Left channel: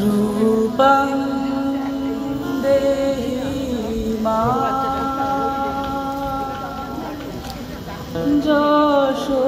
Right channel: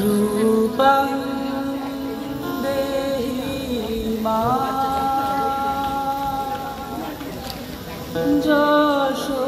रूपं देहि मां যশো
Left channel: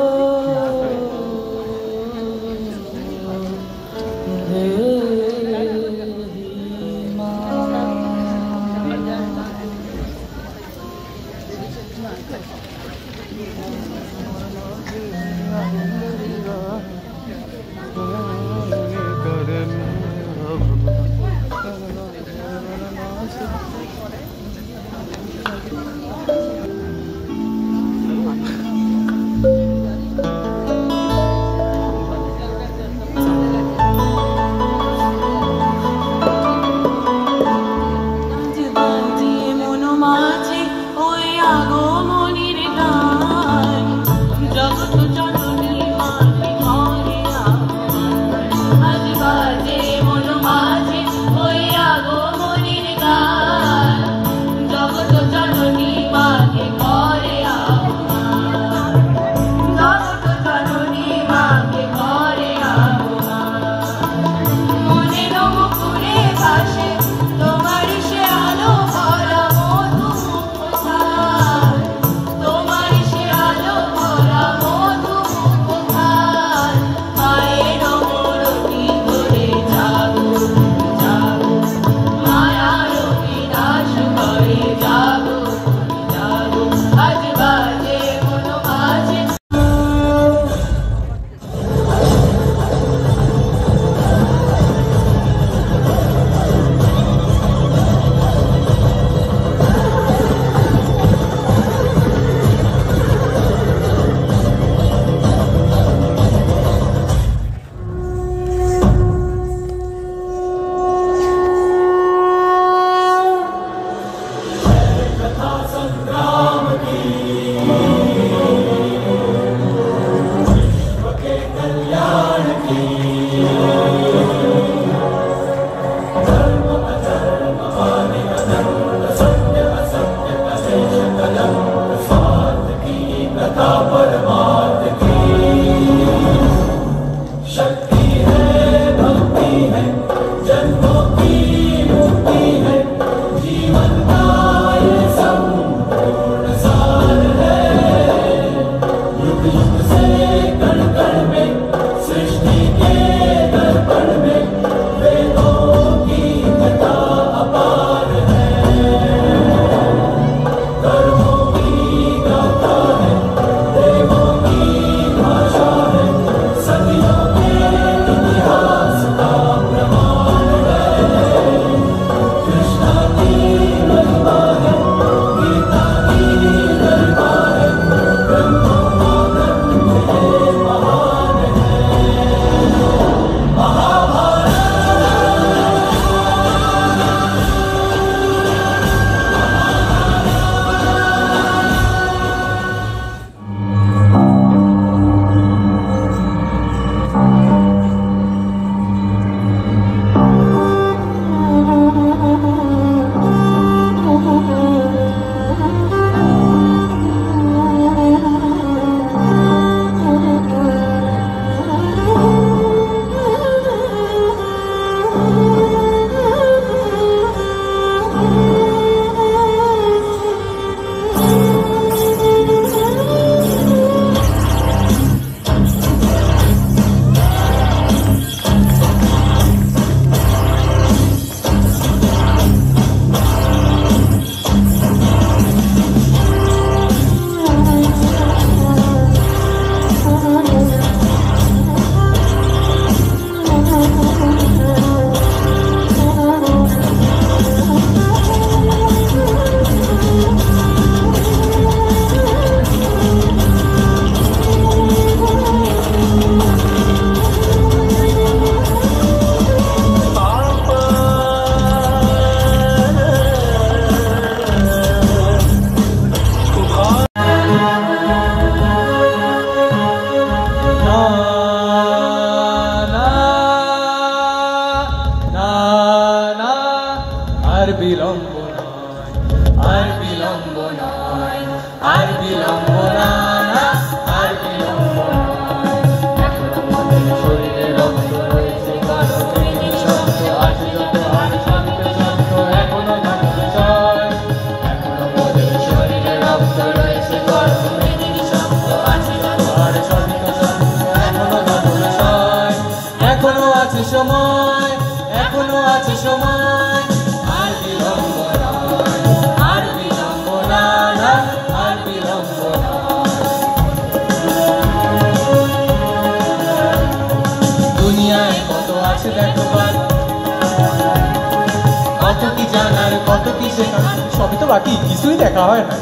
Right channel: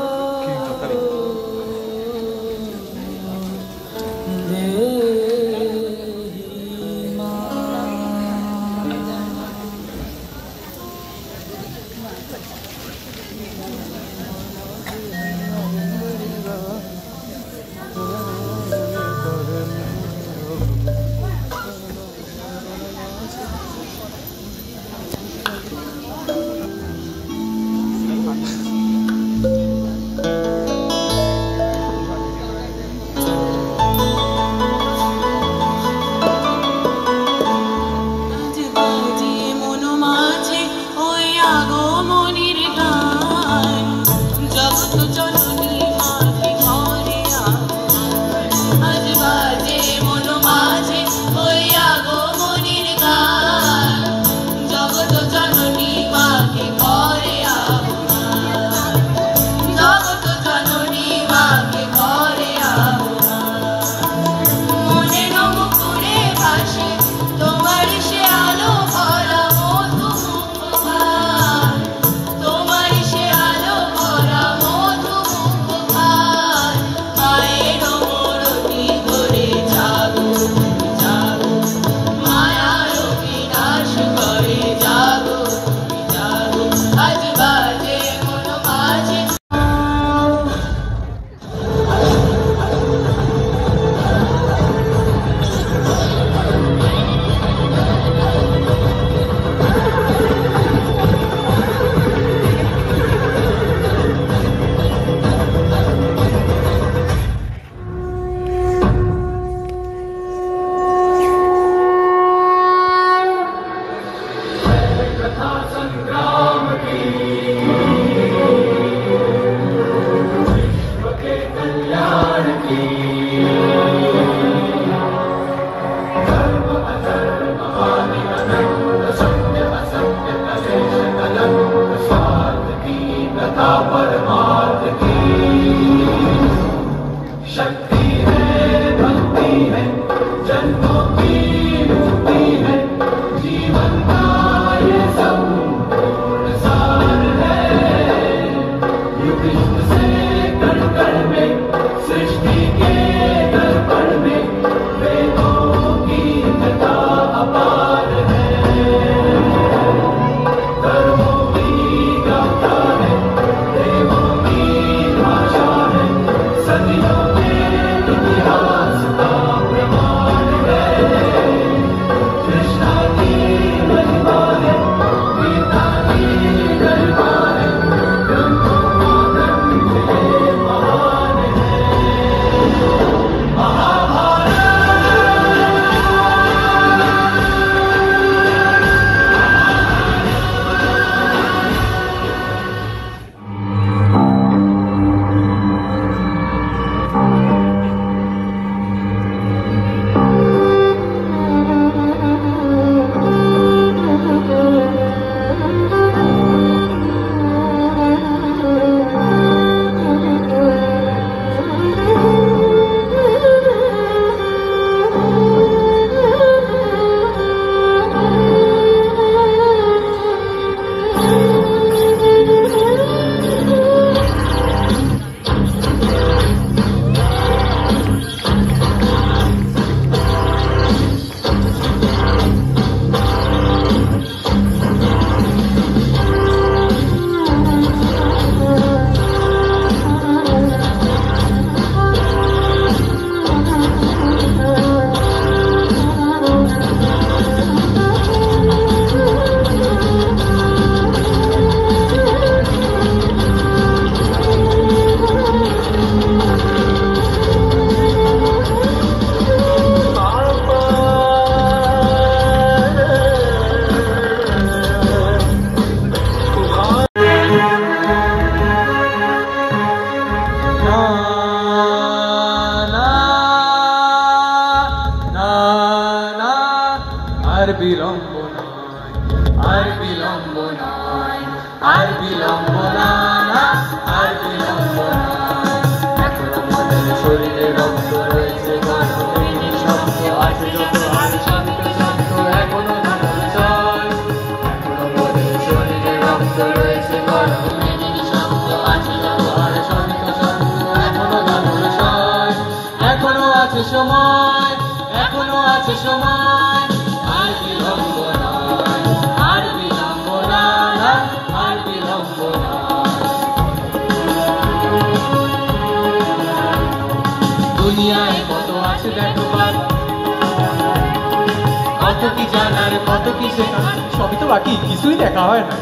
বাকি কিছুই দেখা হয় না।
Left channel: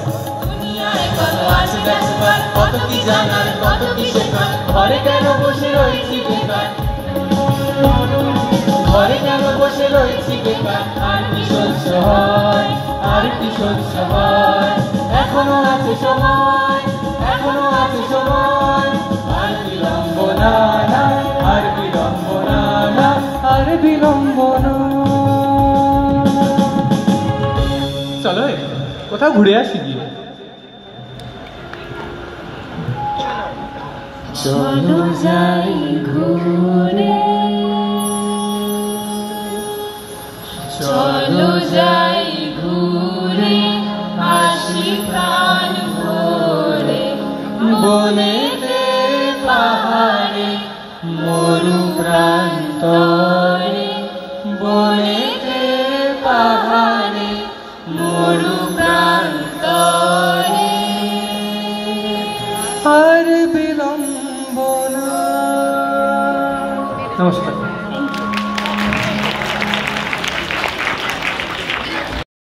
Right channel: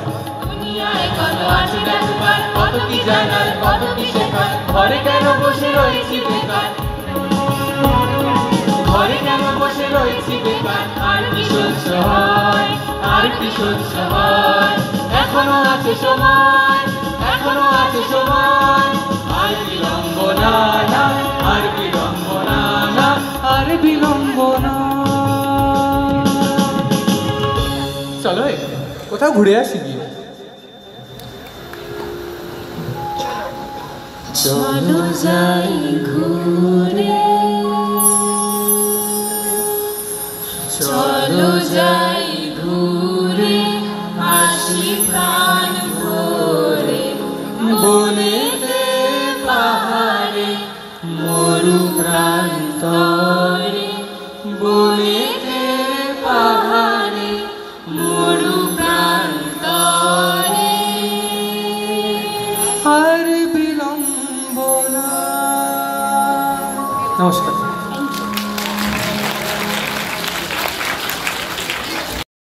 কত কি জানার, কত কি শেখার, ঘরে কেন বসে রয়েছি বেকার, ঘরে কেন বসে রয়েছি বেকার। আর কি সহ্য হয়, আর কি সহ্য হয়, এখনো আছে সময়, এখনো আছে সময়। আর বিলম্ব না, আর বিলম্ব না, আর বিলম্ব না। চলো কোথাও ঘুরে আসি গিয়ে। চলো যাই ঘুরে, চলো যাই ঘুরে আসি প্রাণ ভরে, বনেতে পাহাড়ে মরু প্রান্তরে, বনেতে পাহাড়ে মরু প্রান্তরে। আর বিলম্ব না। নমস্কার।